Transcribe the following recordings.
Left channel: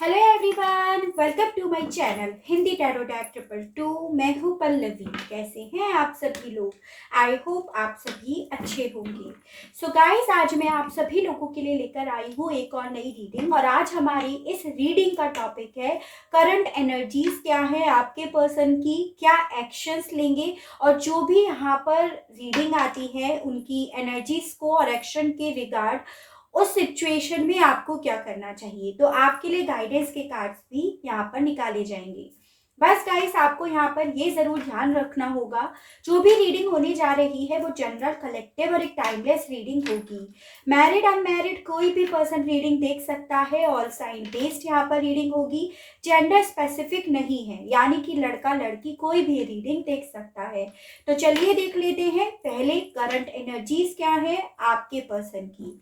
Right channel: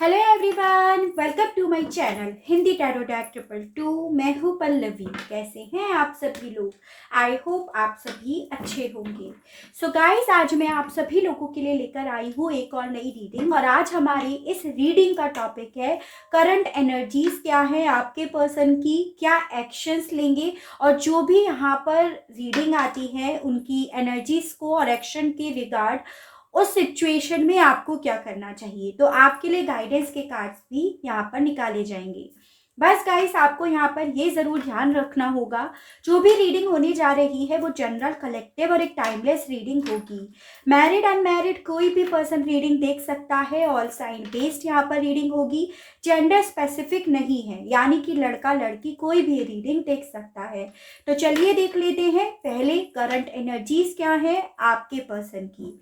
Hello everyone, welcome to my channel Hindi tarot deck 222। मैं हूँ पल्लवी। कैसे हैं आप सभी लोग? आई होप आप सभी अच्छे होंगे। सो गाइस, आज मैं आप सभी लोगों के लिए लेकर आई हूँ एक और नई रीडिंग। और आज हमारी इस रीडिंग का टॉपिक है करंट एनर्जीज क्या है आपके पर्सन की, क्या एक्शंस लेंगे, और जो भी यहाँ पर रीडिंग आती है उनकी एनर्जीज को और एक्शन के रिगार्ड उस सिचुएशन में आपको क्या करना चाहिए। तो आपके लिए गाइडेंस के कार्ड्स भी यहाँ पर निकाले जाएंगे। बस गाइस, आपको यहाँ पर ये जरूर ध्यान रखना होगा, जो भी रीडिंग होने जा रही है वो जनरल, कलेक्टिव और एक टाइमलेस रीडिंग होगी। मैरिड अनमैरिड कोई भी पर्सन रीडिंग देख सकता है। ऑल साइन बेस्ड यहाँ पर रीडिंग होगी। जेंडर स्पेसिफिक नहीं है, यानी कि लड़का लड़की कोई भी रीडिंग देख सकता है। तो चलिए देख लेते हैं पहले करंट एनर्जीज क्या है आपके पर्सन की।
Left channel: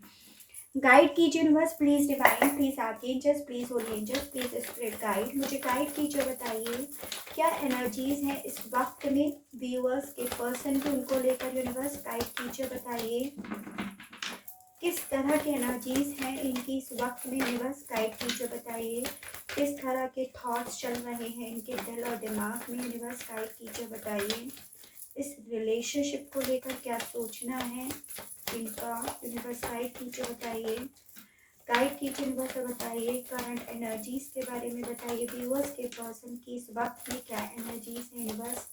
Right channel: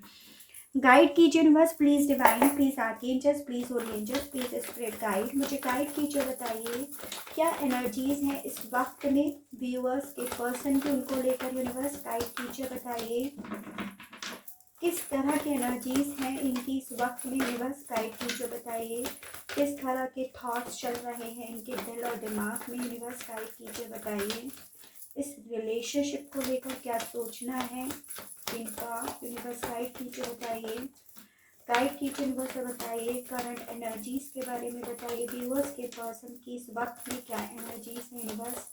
गाइड कीजिए universe, please divine, please archangels, please holy angels, please spirit guide. मुझे गाइड कीजिए, बताइए क्या एनर्जीज हैं इस वक्त में व्यूअर्स के पर्सन की, उनको लेकर यूनिवर्स गाइड कीजिए। बताइए किस तरह की एनर्जीज हैं इनकी इस वक्त में, यूनिवर्स गाइड कीजिए। बताइए किस तरह के थॉट्स चल रहे हैं इनके दिल और दिमाग में, यूनिवर्स गाइड कीजिए। बताइए इस रिलेशनशिप को लेकर क्या सोचना है इनका, यूनिवर्स गाइड कीजिए। बताइए गाइड कीजिए यूनिवर्स और बताइए करंट एनर्जीज के बारे में। बताइए व्यूअर्स के पर्सन की इस वक्त में क्या एनर्जीज है universe.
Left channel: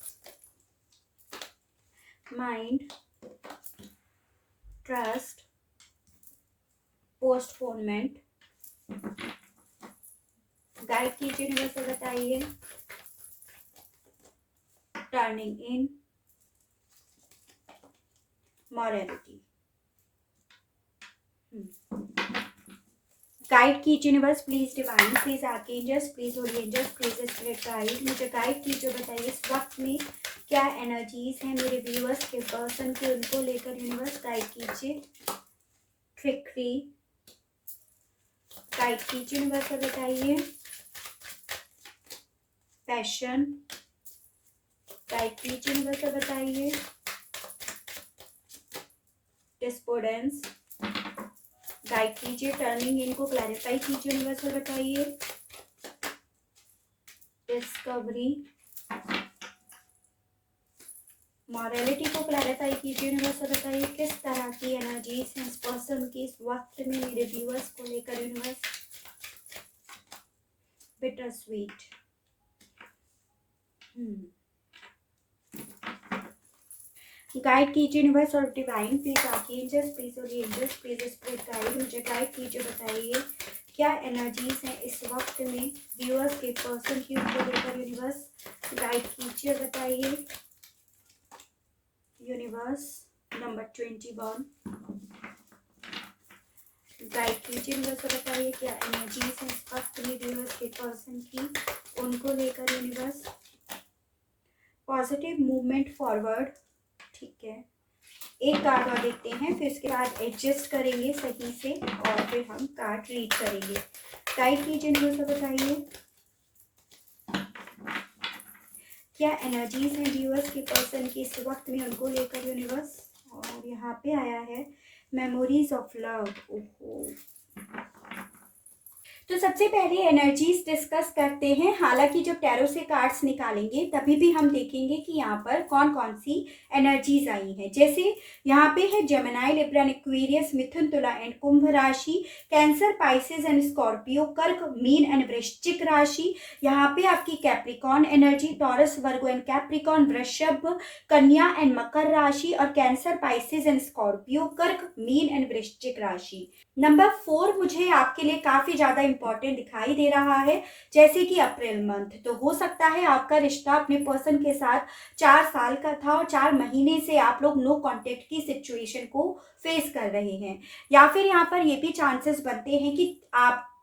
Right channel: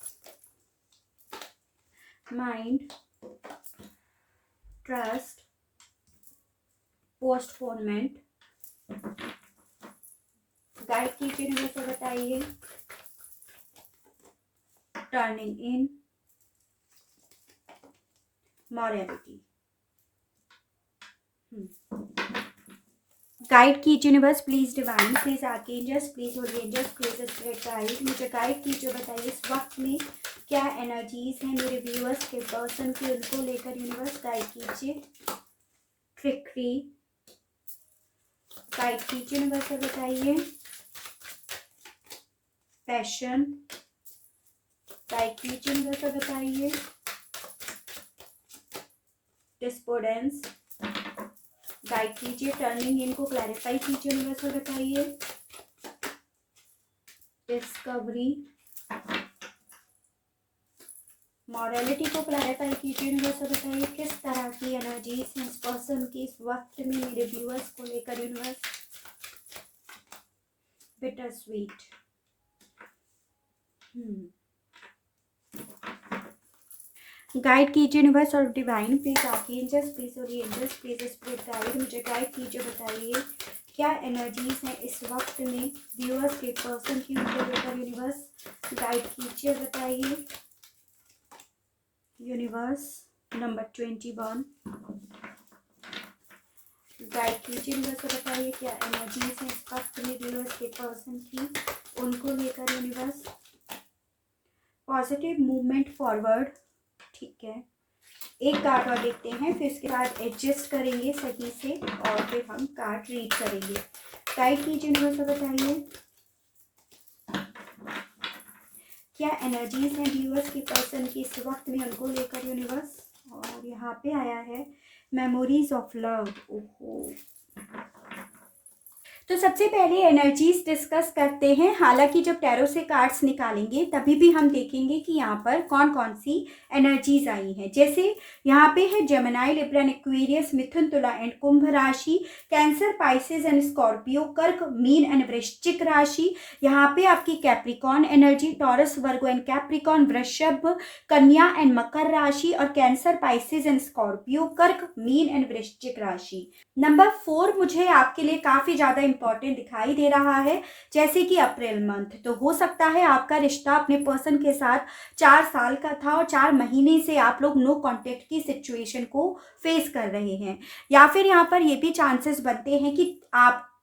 Mind, trust, postponement. Guide कीजिए यूनिवर्स और बताइए टर्निंग इन, मॉरलिटी। गाइड कीजिए universe, please divine, please archangels, please holy angels, please spirit guide. मुझे गाइड कीजिए। बताइए इस वक्त में क्या एनर्जीज हैं मेरे व्यूअर्स के पर्सन के, उनको लेकर यूनिवर्स गाइड कीजिए। ट्रिकरी, गाइड कीजिए यूनिवर्स और बताइए पैशन, गाइड कीजिए यूनिवर्स और बताइए डिस्पोर्डेंस। गाइड कीजिए टर्निंग इनको क्लैरिफाई कीजिए यूनिवर्स और बताइए डिस्कवरी। मॉरलिटी को क्लैरिफाई कीजिए यूनिवर्स और बताइए किस तरह की एनर्जीज हैं इस पर्सन की इस वक्त में मेरे व्यूअर्स को लेकर यूनिवर्स। Bitter sweet. गाइड कीजिए यूनिवर्स और divine, please archangels, please holy angels, please spirit guide. मुझे गाइड कीजिए। बताइए क्या एनर्जीज हैं इस वक्त में व्यूअर्स के पर्सन की, उनको लेकर यूनिवर्स गाइड कीजिए। बताइए यूनिवर्स नंबर 21। गाइड कीजिए यूनिवर्स और बताइए क्या एनर्जीज हैं इस वक्त में व्यूअर्स के पर्सन की, उनको लेकर यूनिवर्स। Positive movement forward. ठीक है, एक कार्ड और देखते हैं, फिर इसके बाद एडजस्ट करेंगे सही से और फिर हम कार्ड रीड करेंगे। गाइड कीजिए यूनिवर्स और बताइए क्या एनर्जीज हैं व्यूअर्स के पर्सन की इस वक्त में, उनको लेकर यूनिवर्स। और यहाँ पे आया है मेमोरीज ऑफ लव। ओहो, तो सबसे पहले एनर्जीज डिस्कस करते हैं। हालांकि जब टैरो से कार्ड्स निकालेंगे तभी भी हम देखेंगे कि यहाँ पर कौन कौन सी एनर्जीज आई हैं। जैसे यहाँ पे है जेमिनी, लिब्रा, एक्वेरियस, मिथुन, तुला एंड कुंभ राशि, कैंसर, पाइसेस एंड स्कॉर्पियो, कर्क, मीन एंड वृश्चिक राशि। यहाँ पे आपकी Capricorn energy, taurus, Virgo and Capricorn, वृषभ, कन्या एंड मकर राशि, और कैंसर, पाइसेस एंड स्कॉर्पियो, कर्क, मीन एंड वृश्चिक राशि। नंबर 4 मुझे आपके लिए काफी ज्यादा इंपॉर्टेंट दिखाई दे रहा है, जैसे कि अप्रैल मंथ। तो हो सकता है आपका रिश्ता अपने पर्सन के साथ 4 साल का था और 4 महीने से आप लोग नो कांटेक्ट की सिचुएशन को फेस कर रहे हैं, या फिर यहाँ पर ये भी चांसेस बनते हैं कि आपकी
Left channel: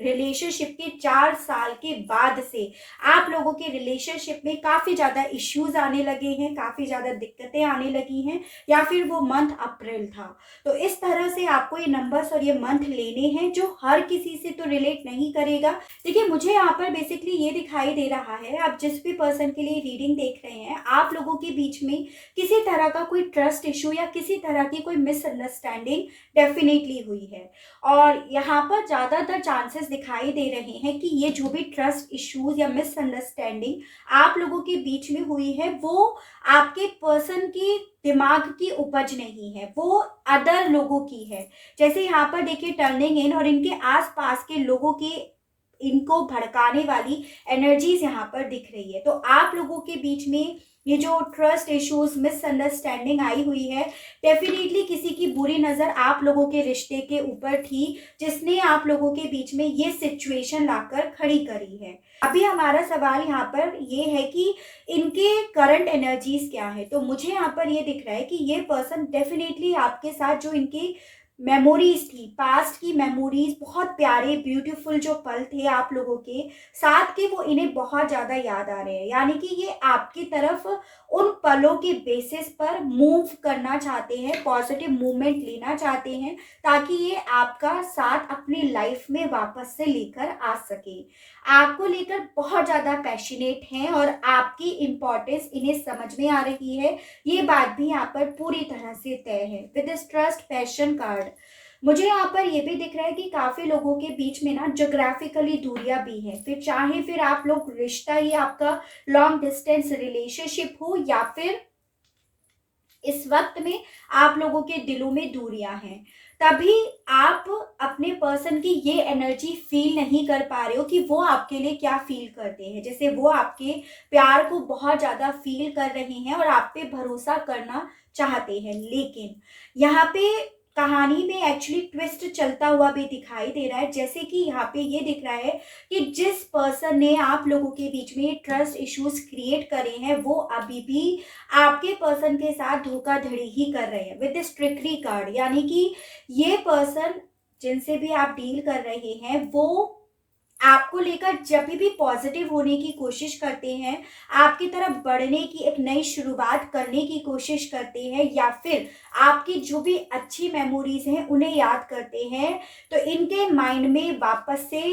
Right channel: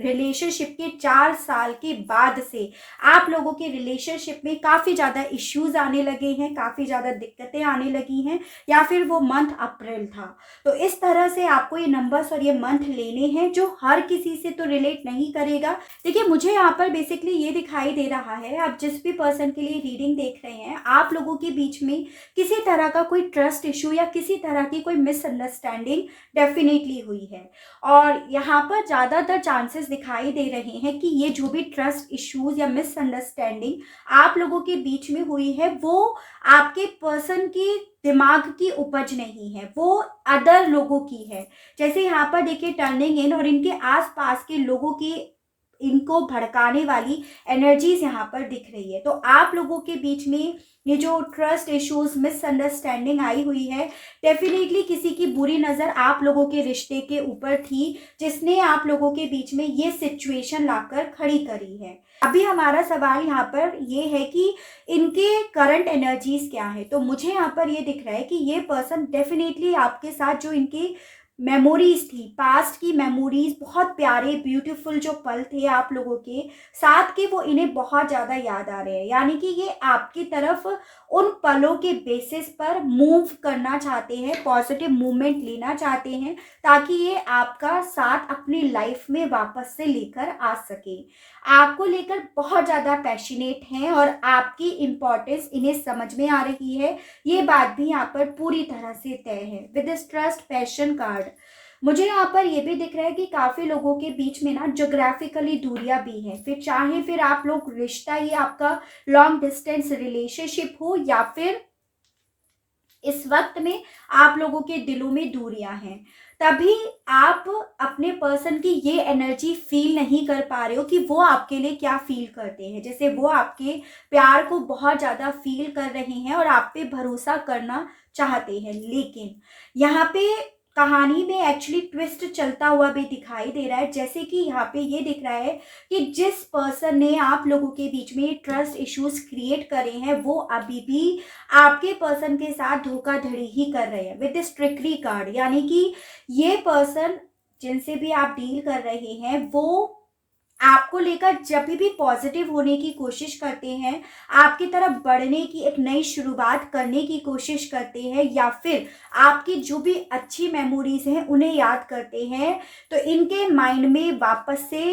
रिलेशनशिप के 4 साल के बाद से आप लोगों के रिलेशनशिप में काफी ज्यादा इश्यूज आने लगे हैं, काफी ज्यादा दिक्कतें आने लगी हैं, या फिर वो मंथ अप्रैल था। तो इस तरह से आपको ये नंबर्स और ये मंथ लेने हैं, जो हर किसी से तो रिलेट नहीं करेगा। देखिए, मुझे यहाँ पर बेसिकली ये दिखाई दे रहा है, आप जिस भी पर्सन के लिए रीडिंग देख रहे हैं, आप लोगों के बीच में किसी तरह का कोई ट्रस्ट इशू या किसी तरह की कोई मिसअंडरस्टैंडिंग डेफिनेटली हुई है। और यहाँ पर ज़्यादातर चांसेस दिखाई दे रहे हैं कि ये जो भी ट्रस्ट इश्यूज या मिसअंडरस्टैंडिंग आप लोगों के बीच में हुई है, वो आपके पर्सन की दिमाग की उपज नहीं है, वो अदर लोगों की है। जैसे यहाँ पर देखिए टर्निंग इन और इनके आसपास के लोगों की इनको भड़काने वाली एनर्जीज यहाँ पर दिख रही है। तो आप लोगों के बीच में ये जो ट्रस्ट इश्यूज मिसअंडरस्टैंडिंग आई हुई है, डेफिनेटली किसी की बुरी नज़र आप लोगों के रिश्ते के ऊपर थी, जिसने आप लोगों के बीच में ये सिचुएशन लाकर खड़ी करी है। अभी हमारा सवाल यहाँ पर ये है कि इनके करंट एनर्जीज क्या है। तो मुझे यहाँ पर ये दिख रहा है कि ये पर्सन डेफिनेटली आपके साथ जो इनकी मेमोरीज थी, पास्ट की मेमोरीज, बहुत प्यारे ब्यूटीफुल जो पल थे आप लोगों के साथ के, वो इन्हें बहुत ज़्यादा याद आ रहे हैं। यानी कि ये आपकी तरफ उन पलों के बेसिस पर मूव करना चाहते हैं, पॉजिटिव मूवमेंट लेना चाहते हैं, ताकि ये आपका साथ अपनी लाइफ में वापस से लेकर आ सके। आपको लेकर बहुत ज़्यादा पैशनेट हैं और आपकी इम्पोर्टेंस इन्हें समझ में आ रही है। ये बात भी यहाँ पर पूरी तरह से तय है। With this trust passion card मुझे यहाँ पर ये भी दिख रहा है कि काफ़ी लोगों के बीच में ना जोग्राफिकली दूरियां भी हैं। फिर आप लोग रिश्ता, ये आपका लॉन्ग डिस्टेंस रिलेशनशिप हो, या फिर इस वक्त में आप लोगों के दिलों में दूरियां हैं, तभी आप अपने पर्सन की ये एनर्जी फील नहीं कर पा रहे हो कि वो आपके लिए क्या फील करते हैं। जैसे वो आपके प्यार को बहुत ज़्यादा फील कर रहे हैं और आप पे भरोसा करना चाहते हैं, लेकिन यहाँ पे कहानी में एक्चुअली ट्विस्ट चलता हुआ भी दिखाई दे रहा है। जैसे कि यहाँ पे ये दिख रहा है कि जिस पर्सन ने आप लोगों के बीच में ट्रस्ट इश्यूज क्रिएट करे हैं, वो अभी भी आपके पर्सन के साथ धोखाधड़ी ही कर रहे हैं विद दिस ट्रिकरी कार्ड। यानी कि ये पर्सन जिनसे भी आप डील कर रहे हैं, वो आपको लेकर जब भी पॉजिटिव होने की कोशिश करते हैं, आपकी तरफ बढ़ने की एक नई शुरुआत करने की कोशिश करते हैं, या फिर आपकी जो भी अच्छी मेमोरीज हैं उन्हें याद करते हैं, तो इनके माइंड में वापस से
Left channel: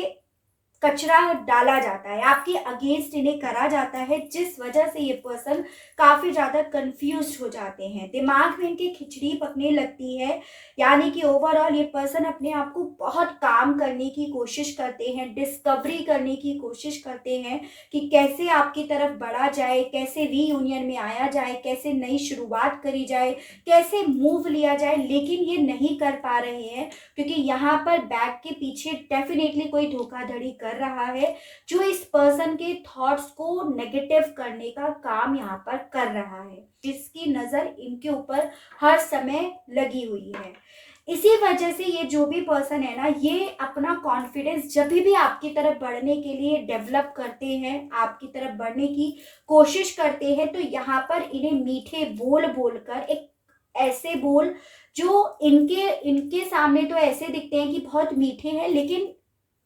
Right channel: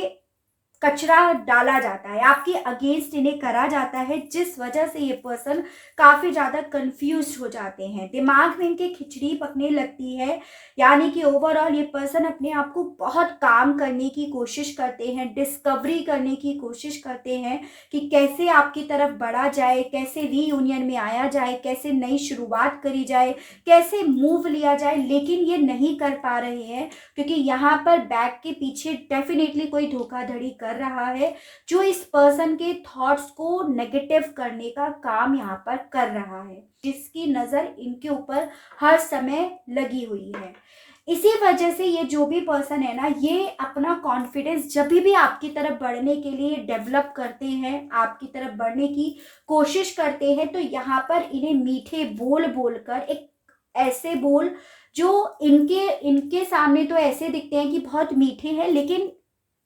कचरा डाला जाता है, आपके अगेंस्ट इन्हें करा जाता है, जिस वजह से ये पर्सन काफ़ी ज़्यादा कंफ्यूज हो जाते हैं, दिमाग में इनके खिचड़ी पकने लगती है। यानी कि ओवरऑल ये पर्सन अपने आप को बहुत काम करने की कोशिश करते हैं, डिस्कवरी करने की कोशिश करते हैं कि कैसे आपकी तरफ बढ़ा जाए, कैसे रीयूनियन में आया जाए, कैसे नई शुरुआत करी जाए, कैसे मूव लिया जाए, लेकिन ये नहीं कर पा रहे हैं, क्योंकि यहाँ पर बैक के पीछे डेफिनेटली कोई धोखाधड़ी कर रहा है, जो इस पर्सन के थॉट्स को नेगेटिव करने का काम यहाँ पर कर रहा है, जिसकी नज़र इनके ऊपर हर समय लगी हुई है। इसी वजह से ये जो भी पर्सन है ना, ये अपना कॉन्फिडेंस जब भी आपकी तरफ बढ़ने के लिए डेवलप करते हैं, आपकी तरफ बढ़ने की कोशिश करते हैं, तो यहाँ पर इन्हें मीठे बोल बोलकर, एक ऐसे बोल जो इनके सामने तो ऐसे दिखते हैं कि बहुत मीठे हैं, लेकिन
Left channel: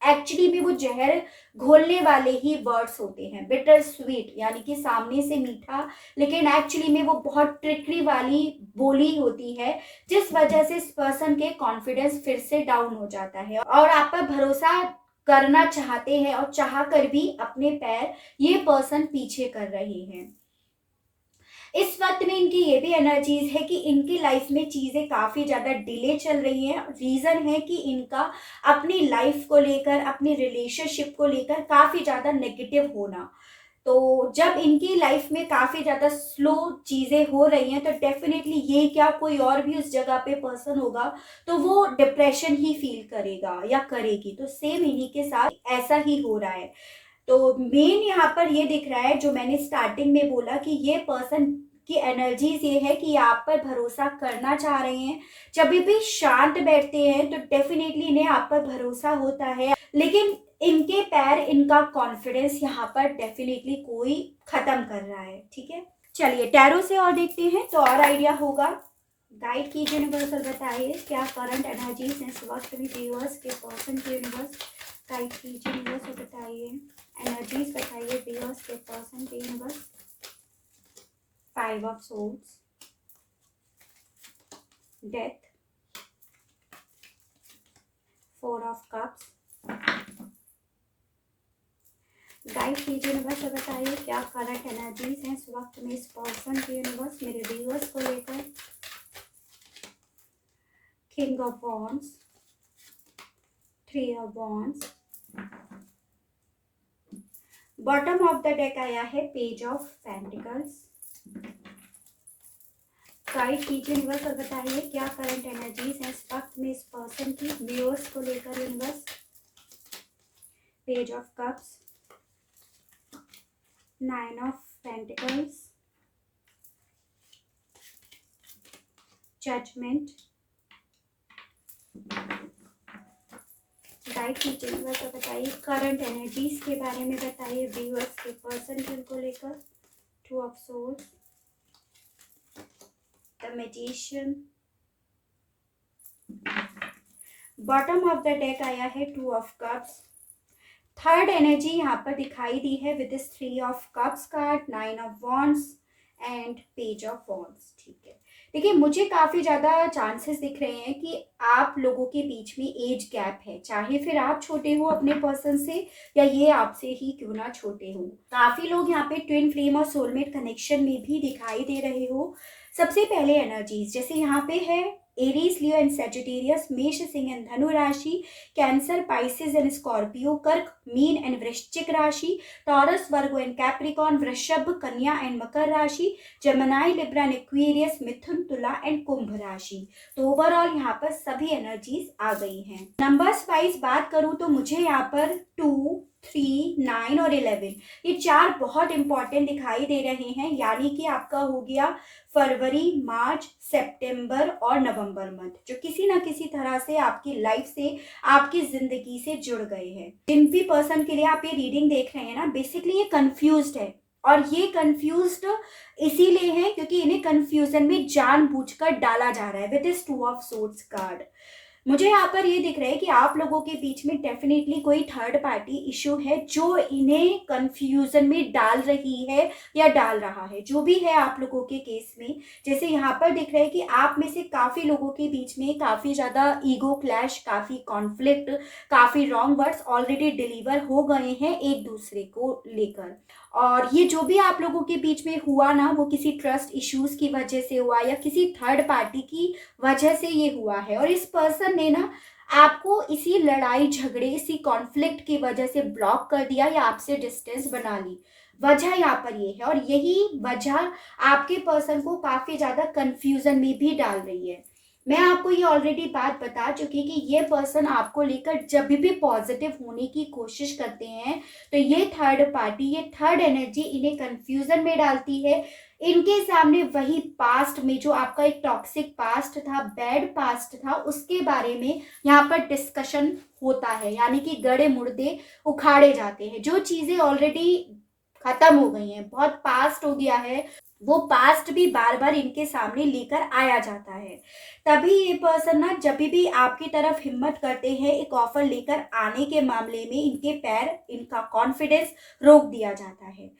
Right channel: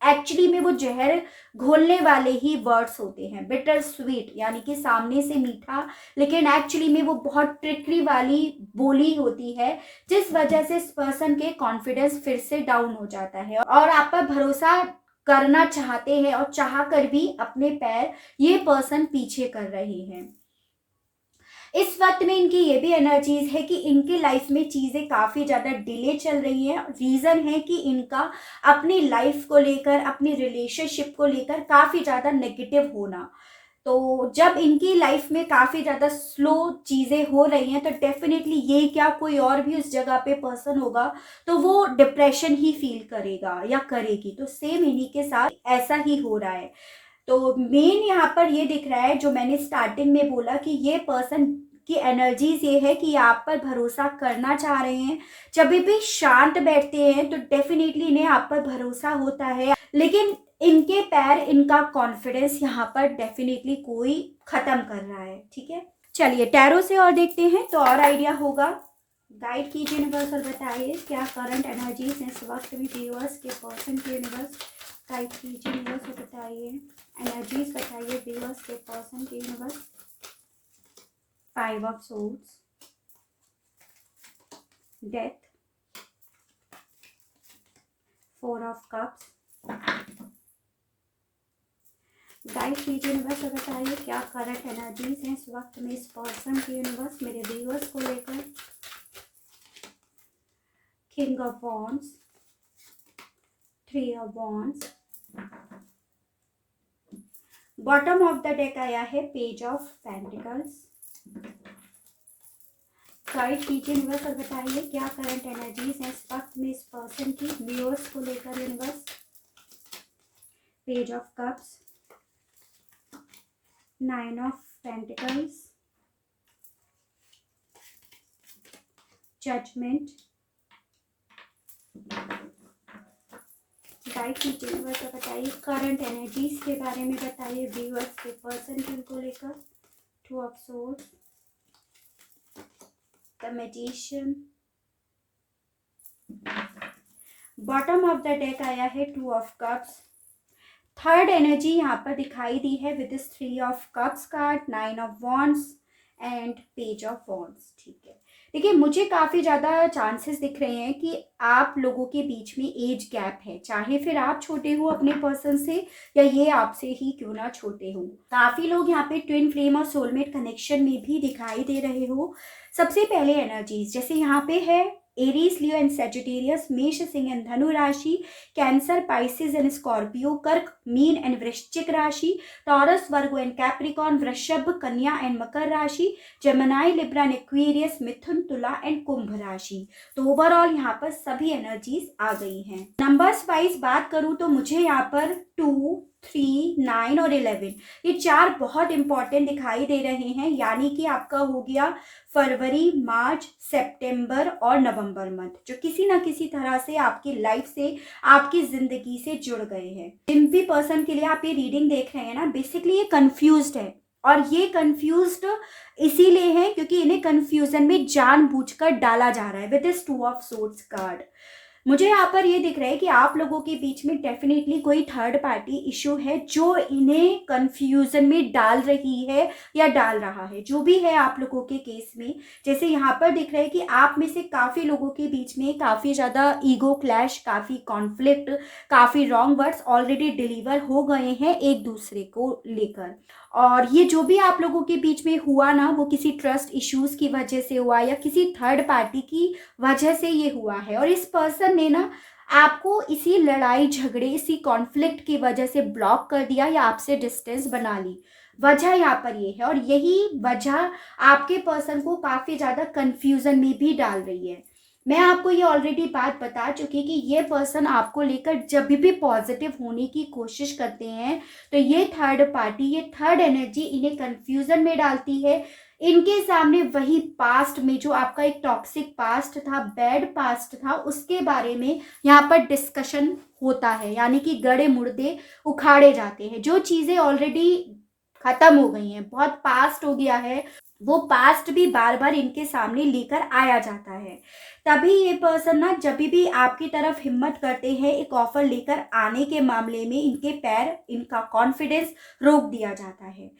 एक्चुअली में वो जहर घोलने वाले ही वर्ड्स होते हैं, बिटर स्वीट। यानी कि सामने से मीठा, लेकिन एक्चुअली में वो बहुत ट्रिकरी वाली बोली होती है, जिस वजह से इस पर्सन के कॉन्फिडेंस फिर से डाउन हो जाता है और आप पर भरोसा करना चाहते हैं, और चाह कर भी अपने पैर ये पर्सन पीछे कर रहे हैं। इस वक्त में इनकी ये भी एनर्जीज है कि इनकी लाइफ में चीज़ें काफ़ी ज़्यादा डिले चल रही हैं। रीज़न है कि इनका अपनी लाइफ को लेकर, अपनी रिलेशनशिप को लेकर काफ़ी ज़्यादा नेगेटिव होना। तो जब इनकी लाइफ में काफ़ी ज़्यादा स्लो चीज़ें हो रही हैं, तो डेफिनेटली ये क्या कोई और भी उस जगह पे पर्सन होगा, तो वो डिप्रेशन ही फील करेगा या करेगी। तो सेम इन्हीं के साथ ऐसा ही हो रहा है। तो मेन यहाँ पर ये दिख रहा है, जो मैंने स्टार्टिंग में बोला कि ये पर्सन की एनर्जीज ये है कि आप पर भरोसा करना चाह रहे हैं। जब भी शांत बैठते हैं तो डेफिनेटली इन्हें आप पर भरोसा होता है, लेकिन इनके पैर, इनका कॉन्फिडेंस यहाँ पर डेफिनेटली कोई खत्म कर रहा है। ठीक है, चलिए टैरो से और देखते हैं तो और आइडिया होगा। गाइड कीजिए यूनिवर्सल, बताइए क्या करंट एनर्जीज इस वक्त में व्यूअर्स के पर्सन के यूनिवर्स गाइड कीजिए यूनिवर्स, बताइए एनर्जीज, बताइए व्यूअर्स के पर्सन के universe. 5 of souls, death, 4 of cups. Guide कीजिए यूनिवर्स, बताइए क्या करंट एनर्जीज हैं इस वक्त में इस पर्सन के यूनिवर्स मेरे व्यूअर्स को लेकर। King of wands, three of wands. Bottom of the deck आया है पेज ऑफ पेंटिकल्स। गाइड कीजिए यूनिवर्स और बताइए क्या करंट एनर्जीज है इस वक्त में इस पर्सन की व्यूअर्स को लेकर universe. Page of cups, nine of pentacles, judgement. Guide कीजिए यूनिवर्स और बताइए करंट एनर्जीज के बारे में बताइए व्यूअर्स के पर्सन को लेकर। Two of source, the magician. Bottom of the deck आया है two of cups. Third energy यहाँ पर दिखाई दी है with this three of cups card, nine of wands and page of wands. ठीक है, देखिए मुझे काफ़ी ज़्यादा चांसेस दिख रहे हैं कि आप लोगों के बीच में एज गैप है, चाहे फिर आप छोटे हो अपने पर्सन से या ये आपसे ही क्यों ना छोटे हो। काफ़ी लोग यहाँ पे ट्विन फ्लेम और सोलमेट कनेक्शन में भी दिखाई दे रहे हो। सबसे पहले एनर्जीज जैसे यहाँ पे है एरीज, लियो एंड सेजिटेरियस, मेष, सिंह एंड धनु राशि, कैंसर, पाइसेस एंड स्कॉर्पियो, कर्क, मीन एंड वृश्चिक राशि, टॉरस, वर्गो एंड कैप्रिकॉन, वृषभ, कन्या एंड मकर राशि, जेमिनी, लिब्रा एंड एक्वेरियस, मिथुन, तुला एंड कुंभ राशि। तो ओवरऑल यहाँ पर सभी एनर्जीज आ गई हैं। नंबर्स वाइज बात करूँ तो मुझे यहाँ पर 2, 3, 9 और 11 ये चार बहुत इंपॉर्टेंट दिखाई दे रहे हैं, यानी कि आपका हो गया फरवरी, मार्च, सितंबर और नवंबर मंथ, जो किसी ना किसी तरह से आपकी लाइफ से, आपकी जिंदगी से जुड़ गए हैं। जिन भी पर्सन के लिए आप ये रीडिंग देख रहे हैं ना, बेसिकली ये कंफ्यूज्ड है, और ये कंफ्यूज्ड इसीलिए है क्योंकि इन्हें कंफ्यूजन में जानबूझकर डाला जा रहा है with this two of swords card. मुझे यहाँ पर ये दिख रहा है कि आप लोगों के बीच में डेफिनेटली कोई थर्ड पार्टी इशू है जो इन्हें कंफ्यूजन में डाल रही है या डाल रहा है, जो भी है आप लोगों के केस में। जैसे यहाँ पर दिख रहा है कि आप में से काफ़ी लोगों के बीच में काफ़ी ज़्यादा ईगो क्लैश, काफ़ी कॉन्फ्लिक्ट, काफ़ी रॉन्ग वर्ड्स ऑलरेडी डिलीवर हो गए हैं एक दूसरे को लेकर। और ये जो भी आप लोगों के बीच में हुआ ना, वो किसी ट्रस्ट इश्यूज की वजह से हुआ या किसी थर्ड पार्टी की वजह से ये हुआ है, और इस पर्सन ने ना आपको इसी लड़ाई झगड़े, इसी कॉन्फ्लिक्ट की वजह से ब्लॉक कर दिया या आपसे डिस्टेंस बना ली। वजह यहाँ पर ये है, और यही वजह आपके पर्सन को काफ़ी ज़्यादा कंफ्यूजन में भी डाल रही है। मैं आपको ये ऑलरेडी बात बता चुकी कि ये पर्सन आपको लेकर जब भी पॉजिटिव होने की कोशिश करते हैं तो ये थर्ड पार्टी, ये थर्ड एनर्जी इन्हें कंफ्यूजन में डालती है। इनके सामने वही पास्ट में जो आपका एक टॉक्सिक पास्ट था, बैड पास्ट था, उसके बारे में यहाँ पर डिस्कशन होता है, यानी कि गड़े मुर्दे उखाड़े जाते हैं। जो चीज़ें ऑलरेडी खत्म हो गई हैं, बहुत पास्ट हो गया है, वो पास्ट भी बार बार इनके सामने लेकर आया जाता है। तभी ये पर्सन ना जब भी आपकी तरफ हिम्मत करते हैं एक ऑफर लेकर आने के मामले में, इनके पैर, इनका कॉन्फिडेंस रोक दिया जाता है।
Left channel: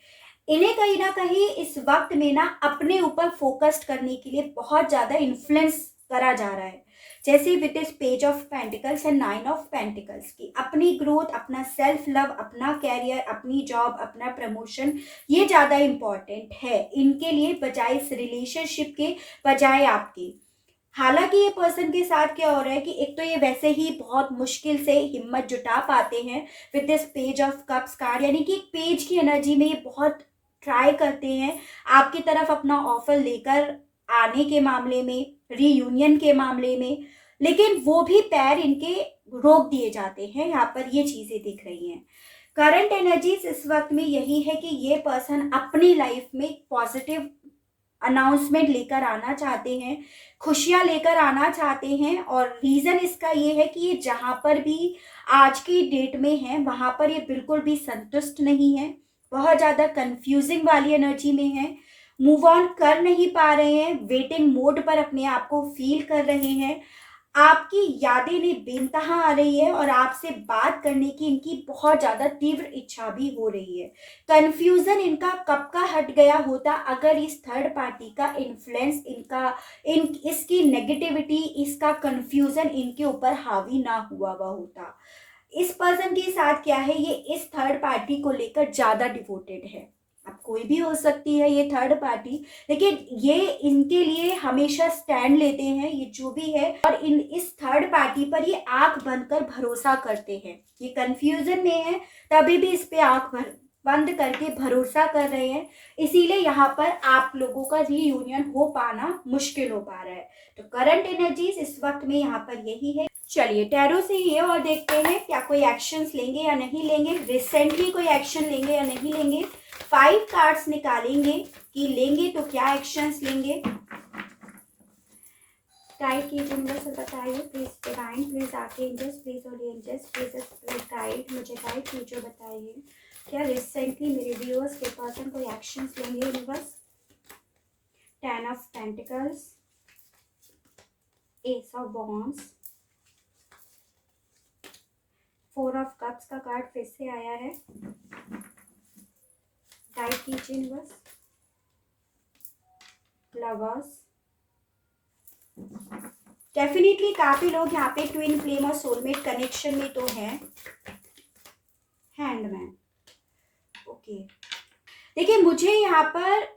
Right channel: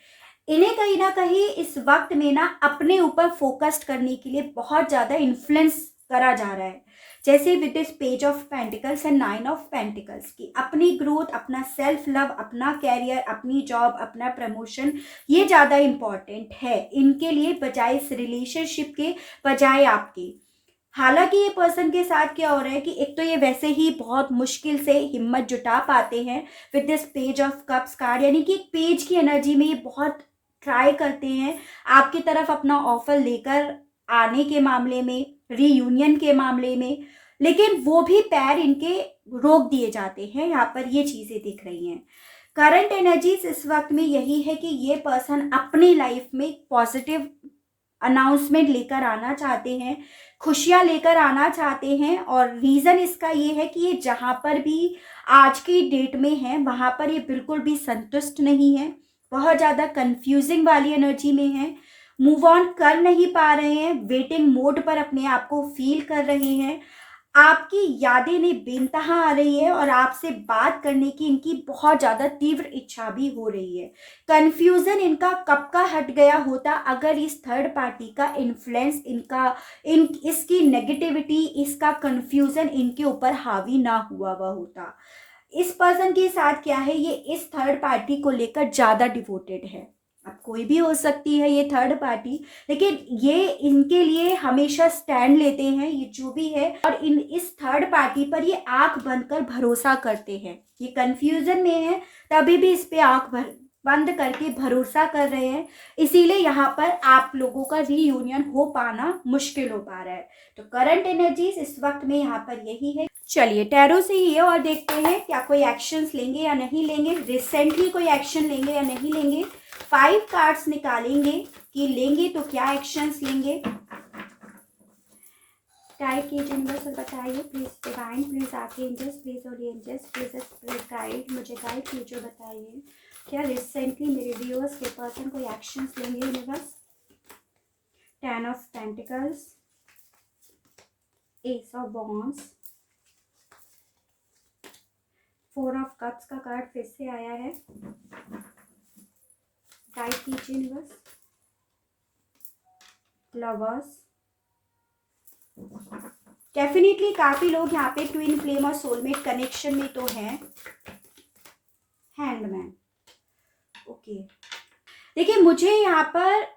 इन्हें कहीं ना कहीं इस वक्त में ना अपने ऊपर फोकस्ड करने के लिए बहुत ज़्यादा इन्फ्लुएंस करा जा रहा है। जैसे with this page of pentacles and nine of pentacles की अपनी ग्रोथ, अपना सेल्फ लव, अपना कैरियर, अपनी जॉब, अपना प्रमोशन, ये ज़्यादा इम्पॉर्टेंट है इनके लिए बजाय इस रिलेशनशिप के, बजाय आपके। हालांकि ये पर्सन के साथ क्या हो रहा है कि एक तो ये वैसे ही बहुत मुश्किल से हिम्मत जुटा पाते हैं with this page of cups card, यानी कि एक पेज की एनर्जी में ये बहुत ट्राई करते हैं आपकी तरफ अपना ऑफर लेकर आने के मामले में, रीयूनियन के मामले में, लेकिन वो भी पैर इनके रोक दिए जाते हैं। यहाँ पर ये चीज़ें दिख रही हैं। करंट एनर्जीज इस वक्त में यही है कि ये पर्सन अपनी लाइफ में पॉजिटिव अनाउंसमेंट लेकर आना चाहते हैं, खुशियाँ लेकर आना चाहते हैं, और रीज़न इसका ये है कि ये जहाँ पर भी आज की डेट में है वहाँ पर ये बिल्कुल भी संतुष्ट नहीं है, बहुत ज़्यादा कंफ्यूजिंग वाली एनर्जी में है, मूव ऑन कर नहीं पा रहे हैं, वेटिंग मोड पर अपने आप को फील कर रहे हैं। आपकी यादें इन्हें बेनतहा आ रही है और आपसे बात करने की इनकी बहुत ज़्यादा तीव्र इच्छा भी हो रही है। कन्फ्यूज़न इनका कब का हट गया होता अगर इस थर्ड पार्टी का इन्फ्लुएंस, इसकी नेगेटिविटी, इसका कन्फ्यूज़न इनके ऊपर हावी ना हुआ हुआ होता। इस पर्सन के साथ क्या है, ये इस थर्ड पार्टी को लेकर ज़्यादा डिवोटेड है, अब कोई भी हो सकती है ये थर्ड पार्टी, लेकिन ये इनके लिए हमेशा स्टैंड लेते हैं ये जो भी है, और इस थर्ड पार्टी पर ये आंख बंद कर भरोसा करते हैं। ये कंफ्यूजन में है तभी भी इस पे बंद करके भरोसा कर रहे हैं, इसीलिए यहाँ पर आप लोगों का रीयूनियन हो पाना मुश्किल हो पा रहा है। तो करंट एनर्जीज इस वक्त में यहाँ पर यही है। चलिए टैरो से ये और देखते हैं क्या कोई एक्शंस लेंगे या नहीं लेंगे, रिसेंटली कोई एक्शन लेंगे या नहीं लेंगे। 5 कार्ड्स निकालेंगे कि लेंगे तो क्या एक्शंस लेंगे। गाइड कीजिए यूनिवर्स और बताइए please divine, please archangels, please holy angels, please guide, मुझे गाइड कीजिए, बताइए क्या रिसेंटली मेरे व्यूअर्स के पर्सन कोई एक्शंस लेंगे universe. 10 of pentacles, S of wands, 4 of cups का कार्ड फिर से आया है। गाइड कीजिए यूनिवर्स। लवर्स, डेफिनेटली काफी लोग यहाँ पे ट्विन फ्लेम और सोलमेट कनेक्शन में तो हैं। हैंडमैन, ओके देखिए मुझे यहाँ पर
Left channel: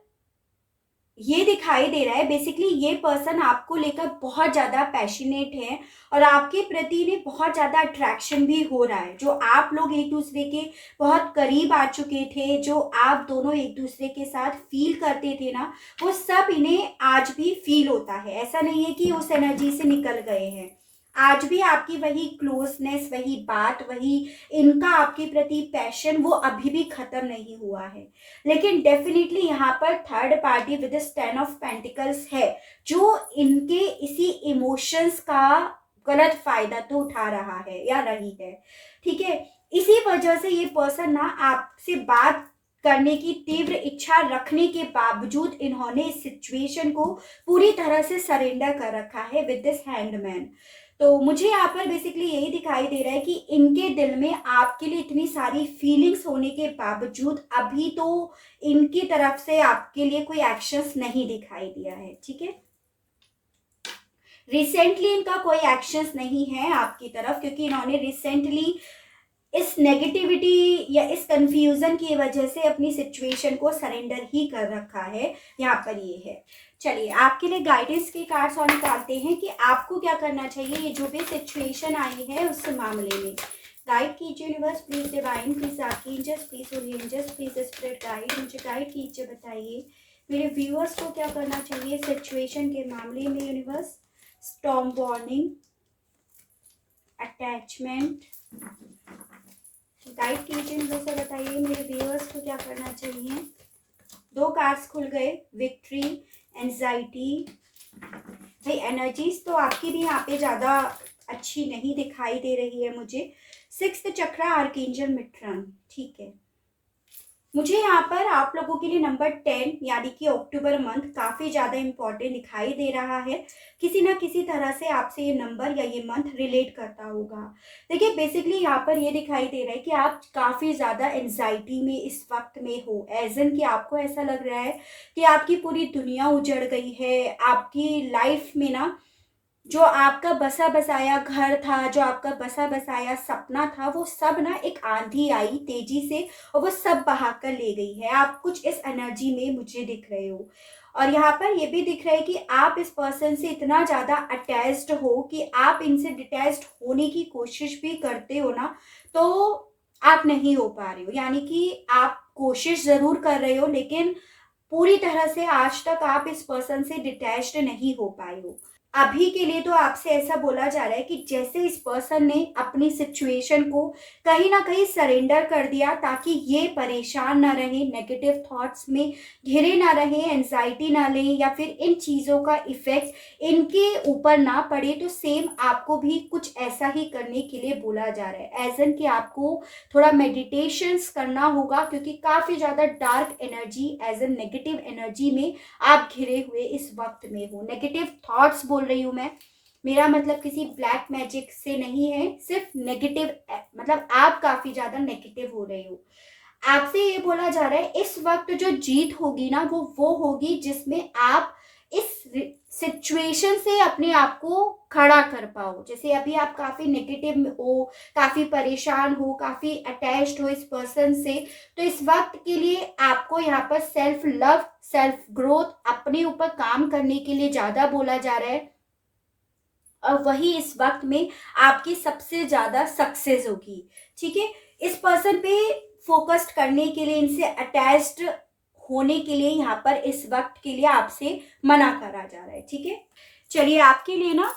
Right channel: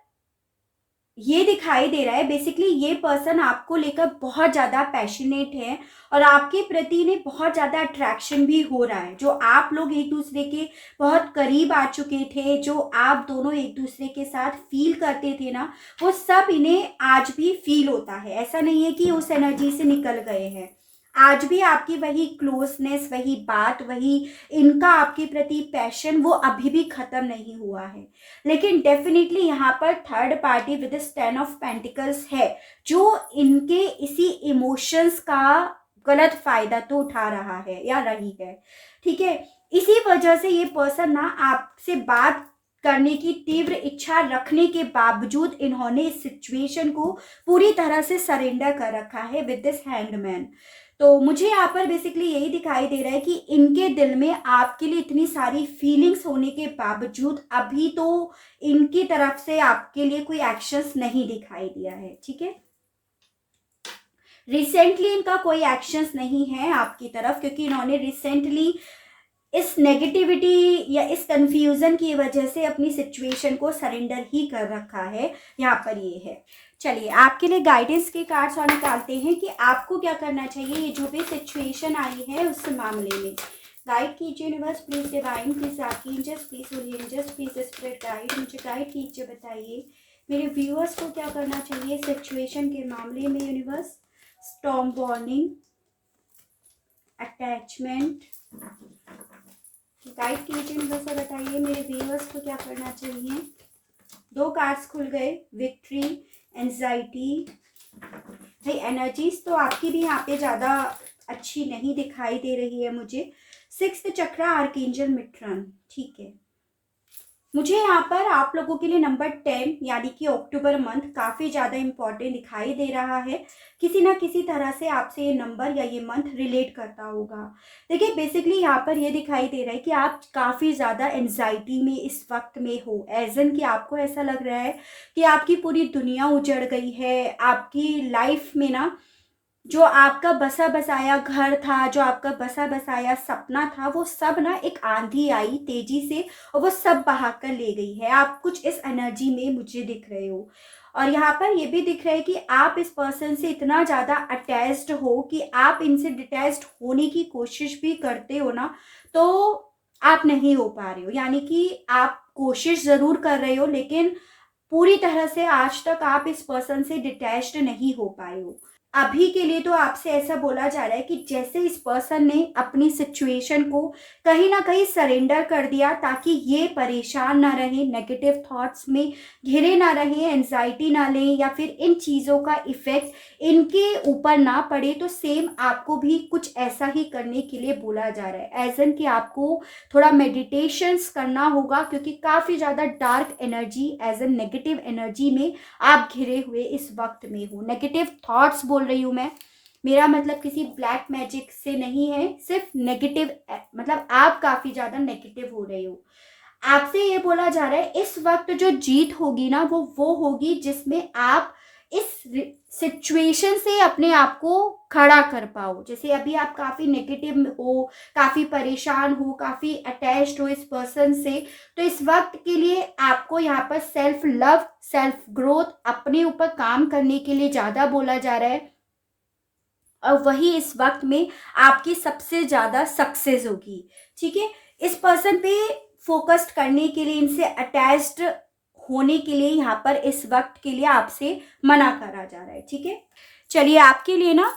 ये दिखाई दे रहा है बेसिकली ये पर्सन आपको लेकर बहुत ज़्यादा पैशनेट है और आपके प्रति ने बहुत ज़्यादा अट्रैक्शन भी हो रहा है। जो आप लोग एक दूसरे के बहुत करीब आ चुके थे, जो आप दोनों एक दूसरे के साथ फील करते थे ना, वो सब इन्हें आज भी फील होता है। ऐसा नहीं है कि उस एनर्जी से निकल गए हैं, आज भी आपकी वही क्लोजनेस, वही बात, वही इनका आपके प्रति पैशन वो अभी भी खत्म नहीं हुआ है। लेकिन डेफिनेटली यहाँ पर third party with 10 of pentacles है जो इनके इसी इमोशंस का गलत फायदा तो उठा रहा है या रही है, ठीक है। इसी वजह से ये पर्सन ना आपसे बात करने की तीव्र इच्छा रखने के बावजूद इन्होंने इस सिचुएशन को पूरी तरह से सरेंडर कर रखा है विद दिस हैंगमैन। तो मुझे यहाँ पर बेसिकली यही दिखाई दे रहा है कि इनके दिल में आपके लिए इतनी सारी फीलिंग्स होने के बावजूद अभी तो इनकी तरफ से आपके लिए कोई एक्शंस नहीं दिखाई दिया है, ठीक है। रिसेंटली इनका कोई एक्शंस नहीं है आपकी तरफ, क्योंकि इन्होंने रिसेंटली इस नेगेटिविटी या इस कंफ्यूजन की वजह से अपनी सिचुएशन को सरेंडर ही कर रखा है। यहाँ पर ये है। चलिए आपके लिए गाइडेंस के कार्ड्स और निकालते हैं कि आपको क्या करना चाहिए ये जो भी सिचुएशन आई है उस मामले में। गाइड कीजिए universe, please divine, please archangels, please holy angels, please spirit guide, मुझे गाइड कीजिए, बताइए मेरे व्यूअर्स को क्या करना चाहिए सिचुएशन के मामले में universe. Storm warning, attachment, guide कीजिए यूनिवर्स और बताइए मेरे व्यूअर्स को क्या करना चाहिए। 2 कार्ड्स खुल गए, विक्ट्री, एंजाइटी। भाई एनर्जीज तो आपकी भी यहाँ पे ज़्यादा अच्छी नहीं दिखाई दे रही है मुझे। 6th चक्रा, आर्कएंजल मिट्रन, ठीक है। मुझे यहाँ पर आप लोगों के लिए नंबर 10 यानी कि अक्टूबर मंथ काफ़ी ज़्यादा इम्पॉर्टेंट दिखाई दे रहा है। किसी ना किसी तरह से आपसे ये नंबर या ये मंथ रिलेट करता होगा। देखिए बेसिकली यहाँ पर ये दिखाई दे रहा है कि आप काफ़ी ज़्यादा एंजाइटी में इस वक्त में हो, एज एन कि आपको ऐसा लग रहा है कि आपकी पूरी दुनिया उजड़ गई है। आपकी लाइफ में ना जो आपका बसा बसाया घर था, जो आपका बसा बसाया सपना था, वो सब ना एक आंधी आई तेजी से और वो सब बहा कर ले गई है। आप कुछ इस एनर्जी में मुझे दिख रहे हो और यहाँ पर ये भी दिख रहा है कि आप इस पर्सन से इतना ज़्यादा अटैच्ड हो कि आप इनसे डिटैच्ड होने की कोशिश भी करते हो ना, तो आप नहीं हो पा रहे हो। यानी कि आप कोशिश ज़रूर कर रहे हो लेकिन पूरी तरह से आज तक आप इस पर्सन से डिटैच्ड नहीं हो पाए हो। अभी के लिए तो आपसे ऐसा बोला जा रहा है कि जैसे इस पर्सन ने अपनी सिचुएशन को कहीं ना कहीं सरेंडर कर दिया ताकि ये परेशान ना रहे, नेगेटिव थॉट्स में घिरे ना रहे, एंजाइटी ना लें या फिर इन चीज़ों का इफेक्ट इनके ऊपर ना पड़े, तो सेम आपको भी कुछ ऐसा ही करने के लिए बोला जा रहा है। एज एन कि आपको थोड़ा मेडिटेशंस करना होगा क्योंकि काफ़ी ज़्यादा dark energy, as an negative energy में आप घिरे हुए इस वक्त में हो। नेगेटिव थॉट्स बोल रही हूँ मैं, मेरा मतलब किसी ब्लैक मैजिक से नहीं है, सिर्फ नेगेटिव, मतलब आप काफ़ी ज़्यादा नेगेटिव हो रहे हो। आपसे ये बोला जा रहा है इस वक्त जो जीत होगी ना वो होगी जिसमें आप इस सिचुएशन से अपने आप को खड़ा कर पाओ। जैसे अभी आप काफ़ी नेगेटिव हो, काफ़ी परेशान हो, काफ़ी अटैच्ड हो इस पर्सन से, तो इस वक्त के लिए आपको यहाँ पर सेल्फ लव, सेल्फ ग्रोथ, अपने ऊपर काम करने के लिए ज़्यादा बोला जा रहा है। और वही इस वक्त में आपकी सबसे ज़्यादा सक्सेस होगी। ठीक है, इस पर्सन पे फोकस्ड करने के लिए, इनसे अटैच्ड होने के लिए यहाँ पर इस वक्त के लिए आपसे मना करा जा रहा है। ठीक है, चलिए आपके लिए ना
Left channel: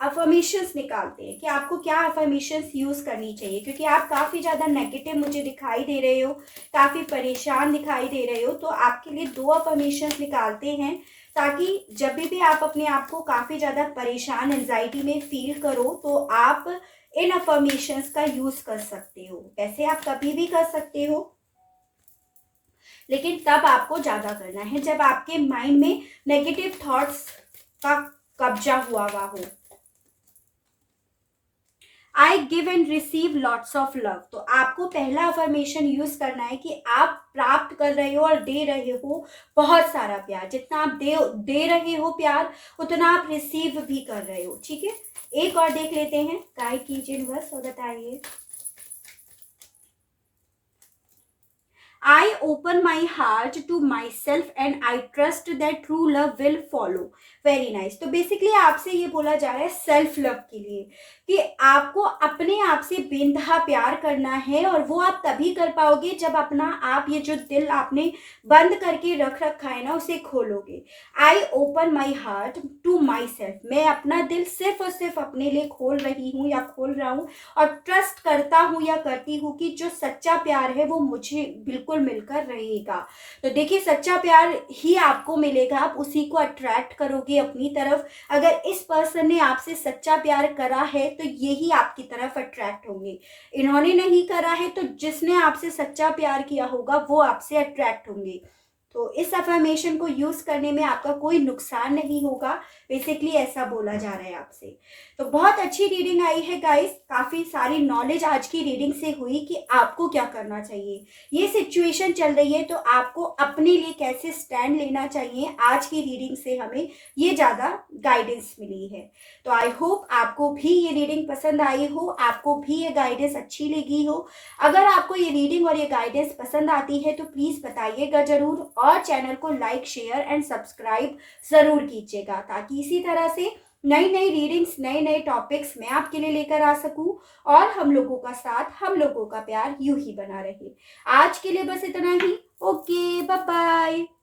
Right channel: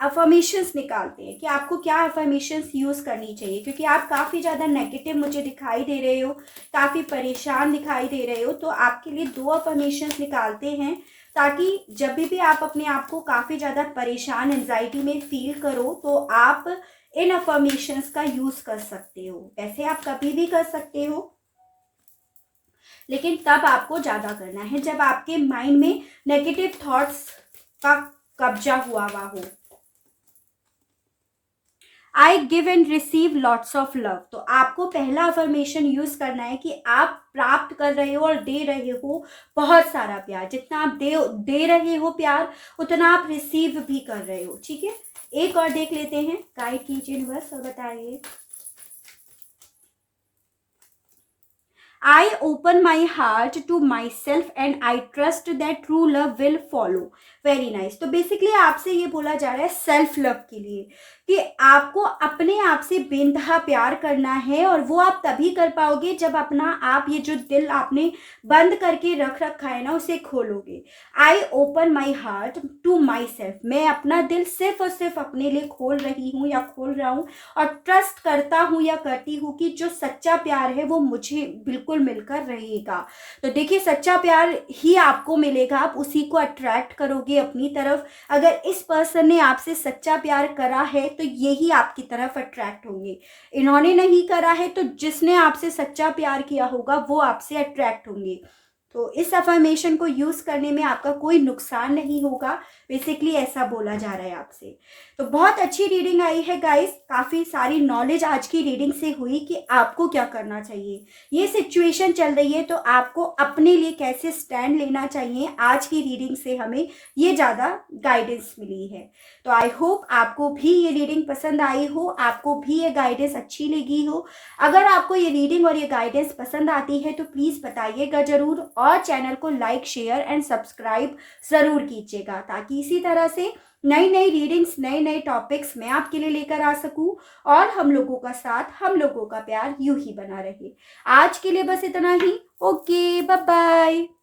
अफर्मेशंस निकालते हैं कि आपको क्या अफर्मेशंस यूज करनी चाहिए, क्योंकि आप काफी ज्यादा नेगेटिव मुझे दिखाई दे रहे हो, काफी परेशान दिखाई दे रहे हो। तो आपके लिए 2 अफर्मेशंस निकालते हैं, ताकि जब भी आप अपने आप को काफी ज्यादा परेशान, एंजाइटी में फील करो, तो आप इन अफर्मेशंस का यूज कर सकते हो। वैसे आप कभी भी कर सकते हो, लेकिन तब आपको ज्यादा करना है जब आपके माइंड में नेगेटिव थॉट्स का कब्जा हुआ हो। I give and receive lots of love. तो आपको पहला अफर्मेशन यूज करना है कि आप प्राप्त कर रहे हो और दे रहे हो बहुत सारा प्यार। जितना आप दे रहे हो प्यार, उतना आप रिसीव भी कर रहे हो। ठीक है, एक और देख लेते हैं, गाइड कीजिए बस और बताइए। I open my heart to myself and I trust that true love will follow. Very nice. तो बेसिकली आपसे ये बोला जा रहा है सेल्फ लव के लिए कि आपको अपने आप से बेइंतहा प्यार करना है, और वो आप तभी कर पाओगे जब अपना आप ये जो दिल आपने बंद करके रख रखा है ना, उसे खोलोगे। I open my heart to myself. मैं अपना दिल सिर्फ और सिर्फ अपने लिए खोल रही हूँ या खोल रहा हूँ, और ट्रस्ट करता हूँ या करती हूँ कि जो सच्चा प्यार है वो मुझे बिल्कुल मिलकर रहेगा। तो देखिए, सच्चा प्यार ही आपको मिलेगा, आप उसी को अट्रैक्ट करोगे अपनी तरफ। अगर इस पर्सन ने आपसे सच्चा प्यार करा है तो यही आपकी तरफ अट्रैक्ट होंगे। इन्होंने नहीं करा है तो जिसने आपसे सच्चा प्यार किया होगा वो आपसे अट्रैक्ट होंगे। तो इस अफर्मेशन को यूज करने में आपका कोई नुकसान नहीं होगा, बेसिकली ऐसा बोला जा रहा है आपसे। तो बहुत अच्छी रीडिंग आई है गाइस, काफी सारी नॉलेज आज की रीडिंग से हुई कि आपको क्या करना चाहिए। ये सिचुएशन चल रही है तो आपको अपने लिए कैसे स्टैंड लेना चाहिए, आज की रीडिंग से हमें ये ज्यादा गाइडेंस मिली है। तो आई होप आपको भी ये रीडिंग पसंद आई हो, आपको भी ये गाइडेंस अच्छी लगी हो। अगर आपको ये रीडिंग और ये गाइडेंस पसंद आती है तो प्लीज बताइएगा जरूर, और चैनल को लाइक, शेयर एंड सब्सक्राइब जरूर कीजिएगा, ताकि इसी तरह से नई नई रीडिंग्स, नए नए टॉपिक्स मैं आपके लिए लेकर आ सकूं, और हम लोगों का साथ, हम लोगों का प्यार यूं ही बना रहे। आज के लिए बस इतना ही। Okay, bye bye.